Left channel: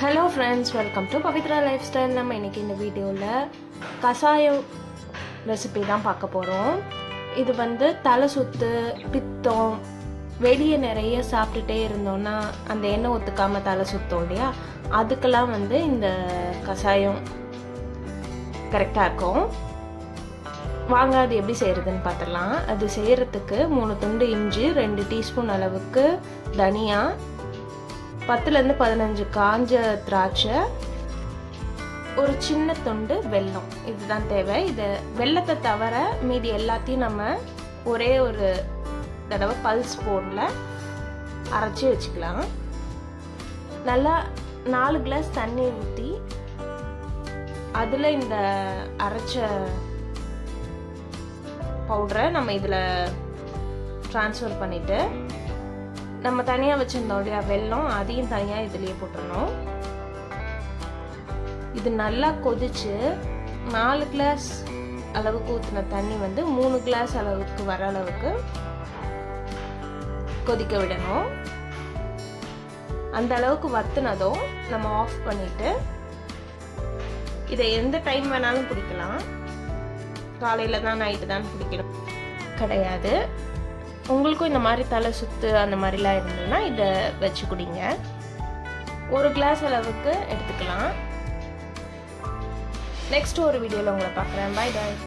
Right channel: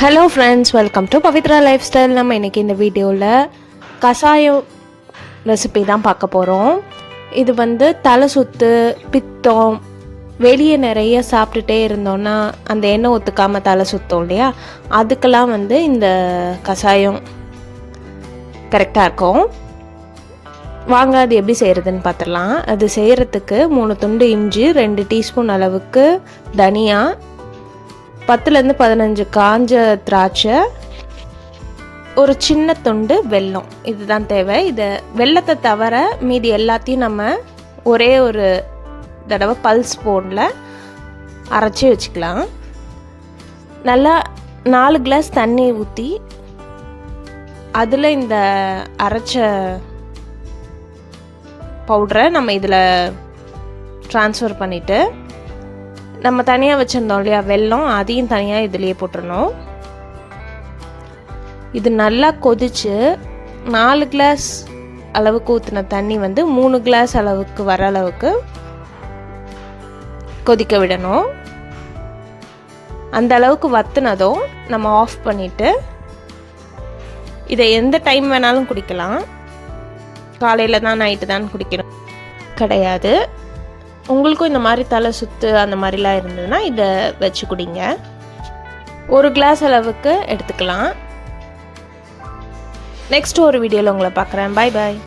Hello friends welcome to Pavithra lifestyle நம்ம இன்றைக்கி இந்த வீடியோவில் கஷாயம் ரெசிபி தான் பார்க்க போகிறோம் இது வந்து தலை சுத்து பித்தம் வெளியே நிறைய சாப்பிட்டுட்டே இருந்தோன்னா அந்த எண்ணெய் ஒத்துக்காமல் தலை சுத்தம் இல்லையா? அதுக்கெல்லாம் வந்து இந்த கஷாயம் கரெக்டாக இருக்கும். வாங்க அது எப்படி செய்கிறதுன்னு பார்த்துடலாம். அது செய்கிறதுக்கு மூணு துண்டு இஞ்சி ரெண்டு டீஸ்பூன் அளவுக்கு தனியா பத்துலேருந்து பதினஞ்சு காஞ்ச திராட்சை ஒரு சின்ன துண்டு வெல்லம். இதுதான் தேவை. இதை வெல்லத்தை தவிர மீதி எல்லாத்தையும் நம்ம ஒரே ஒரு தடவை பல்ஸ் போனில் அரைச்சி வச்சுக்கலாம். நல்லா நாலு கிளாஸ் தண்ணி ஊற்றி அதில் இந்த அரைச்ச பவுடரை நம்ம இதில் ட்ரான்ஸ்ஃபர் பண்ணிவிட்டு நம்ம தனியாக வச்சுருந்தோம் இல்லையா? வெல்லம் அதையும் தனியாக இதுலேயே போட்டுடணும் இது நல்லா கொதிச்சு நாலு கிளாஸ் அளவுக்கு ஊற்றின தண்ணி வந்து மூணு கிளாஸ் அளவுக்கு வர அளவுக்கு கொதிக்க விடணும். அந்த அளவுக்கு வத்துனதும் நம்ம ஆஃப் பண்ணிவிட்டு இதை எந்த டைம் வேணாலும் குடிக்கலாம். காலையில் தான் நைட்டு தான் குடிக்கணும். கிடையாது. உங்களுக்கும் இந்த மாதிரி தலை சுத்து அந்த மாதிரிலாம் இருந்ததுன்னா இதை வச்சு குடிங்க. ஒரு கிளாஸ் அளவுக்கு எடுத்துக்கலாம். நெக்ஸ்ட் ஒரு வீடியோவில் உங்களை பார்க்குறேன். பாய் பாய்